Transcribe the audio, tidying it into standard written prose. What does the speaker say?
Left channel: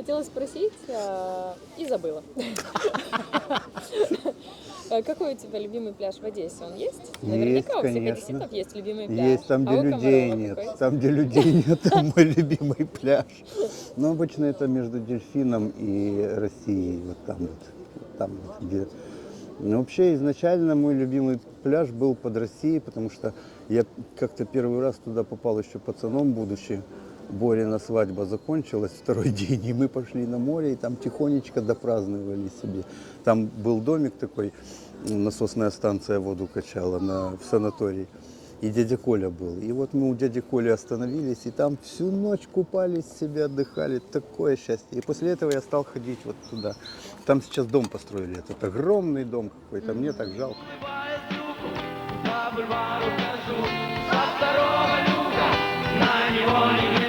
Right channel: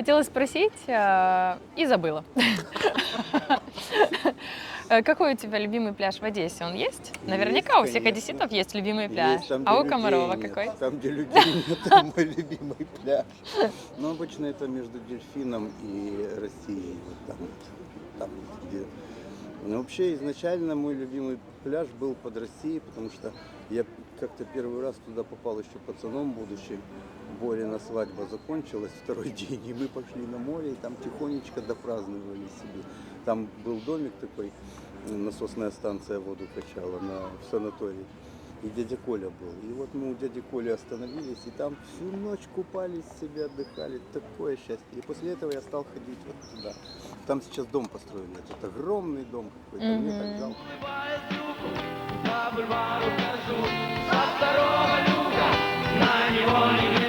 Хотела спросить и забыла. Какой у тебя любимый пляж в Одессе? Он есть? Наверняка у всех конечно. одесситов есть любимый пляж. Есть там, где А у людей Комарова нет. какой? Там, где людей нет, там мой любимый пляж. Но обычно это между Дельфином и Россией. Вот там вот. Там вот, где... Но вообще изначально мой любимый пляж был под Россией, потому что я как-то первый раз туда попал еще пацаном будучи. Борина свадьба закончилась второй день, и мы пошли на море, и там тихонечко допраздновали себе. Там был домик такой, насосная станция воду качала в санатории. И дядя Коля был. И вот мы у дяди Коли остановились, и там всю ночь купались, себе отдыхали. Такое счастье. И после этого я стал ходить вот туда. Там сейчас дом построили. Это огромный дом какой-то. Мне так жалко. На него не